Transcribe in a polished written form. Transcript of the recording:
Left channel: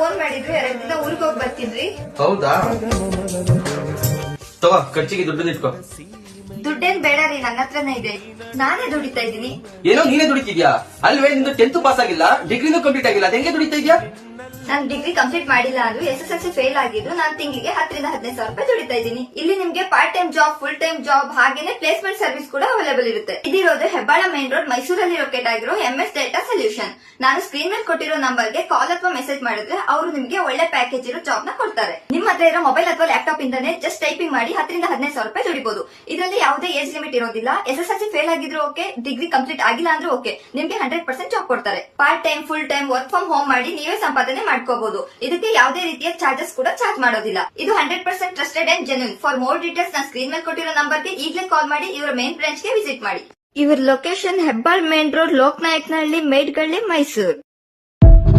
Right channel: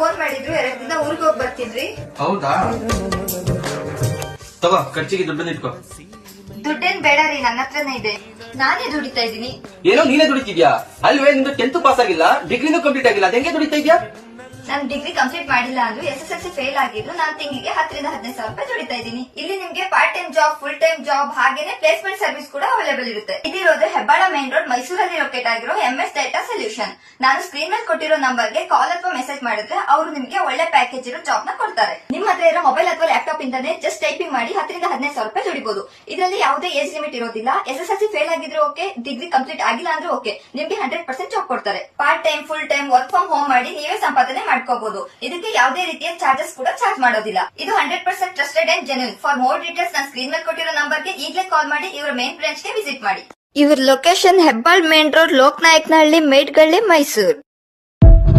Phone ಮಾಡಿದ್ರು 2 ದಿನ ಊರಿಗೆ ಹೋಗಿ ಬರ್ತಿದ್ರಿ. ಹೌದಾ? ತಗೋ, ಖರ್ಚಿಗೆ ದುಡ್ಡು ಇಟ್ಕೋ. ದುಡ್ಡೇನ್ ಬೇಡ ರೀ, ನನ್ನ ಹತ್ರನೇ ಇದೆ. ನಾನೇ ದುಡಿತಾ ಇದ್ದೀನಿ. ಏನೋ ನೀನೇ ದುಡಿತಿದ್ಯಾ? ಅಲ್ವೇ, ನಿಂದು 10th ಪಾಸ್ ಆಗಿಲ್ಲ, ಡಿಗ್ರಿನೂ ಕಂಪ್ಲೀಟ್ ಆಗಿಲ್ಲ, ಅದೇಂಗೆ ದುಡಿತಾ ಇದ್ಯಾ? ನಾನು ಡಿಗ್ರಿ ಕಂಪ್ಲೀಟ್ ಮಾಡಿಲ್ಲ ಅಂದ್ರೂ SSLC ಫೇಲ್ ಆಗಿದ್ದು ನಾನು ತಿಂಗಳಿಗೆ 10 ರಿಂದ 15 ಸಾವಿರ ರೂಪಾಯಿ ದುಡಿತಾ ಇದ್ದೀನಿ. ಇಲ್ಲಿ ನಿಮ್ಗೆ part time job, full time job ಹಾಗೇನೆ ಪ್ಲೇಸ್ಮೆಂಟ್ ಸರ್ವಿಸ್ ಕೂಡ ಅವೈಲೇಬಲ್ ಇರುತ್ತೆ. ಇದಿರೋದು ಹೆಬ್ಬಾಳ ಮೇನ್ ರೋಡ್, ಮೈಸೂರಲ್ಲಿ ಲೊಕೇಟ್ ಆಗಿರೋ MS ಡೇಟಾ ಸೊಲ್ಯೂಷನ್. ನಾನು ಸ್ಕ್ರೀನ್ ಮೇಲೆ ಕೊಟ್ಟಿರೋ ನಂಬರ್ಗೆ ಕಾಲ್ ಅಥವಾ ಮೆಸೇಜ್ ಮಾಡಿದ್ರೆ ಅವರು ನಿಮ್ಗೆ ಒಳ್ಳೆ ಪ್ಯಾಕೇಜ್ ಇರೋ ಜಾಬ್ ನ ಕೊಡ್ತಾರೆ. ನಿಮ್ಮ ಹತ್ರ ಇರೋ ಮೊಬೈಲ್ ಅಥವಾ ಲ್ಯಾಪ್ಟಾಪ್ ಇಂದಾನೆ ಜಸ್ಟ್ ಟೈಪಿಂಗ್ ಮಾಡಿ 10 ರಿಂದ 15 ಸಾವಿರ ರೂಪಾಯಿ ದುಡಿಬಹುದು. ಇದರಲ್ಲಿ ಯಾವುದೇ ಏಜ್ ಲಿಮಿಟ್ ಇರೋದಿಲ್ಲ. SSLC ಫೇಲ್ ಆಗಿದ್ರು ಓಕೆ, ಡಿಗ್ರಿ ಕಂಪ್ಲೀಟ್ ಆಗಿಲ್ಲ ಅಂದ್ರೂ ಓಕೆ, ನಿಮ್ಗೆ 100% ಜಾಬ್ ಕೊಡ್ತಾರೆ. Part time, full time, work from home ಮಾಡಿ ನೀವೇ ಸಂಪಾದನೆ ಮಾಡ್ಕೋಬಹುದು. ಇದಕ್ಕೆ ಯಾವುದೇ ರೀತಿಯ ಚಾರ್ಜಸ್ ಕೂಡ ಚಾರ್ಜ್ ಮಾಡೋದಿಲ್ಲ. ಇದು 100% trusted and genuine. For more details ನಾನು ಸ್ಕ್ರೀನ್ ಮೇಲೆ ಕೊಟ್ಟಿರೋ ನಂಬರ್ಗೆ ಈಗಲೇ ಕಾಲ್ ಮಾಡಿ ಇವರ ಮೇನ್ ಬ್ರಾಂಚ್ ಗೆ ವಿಸಿಟ್ ಮಾಡಿ. ಇವರ location Hebbal main road, Lokanayakanahalli, Medgalli, Mysuru.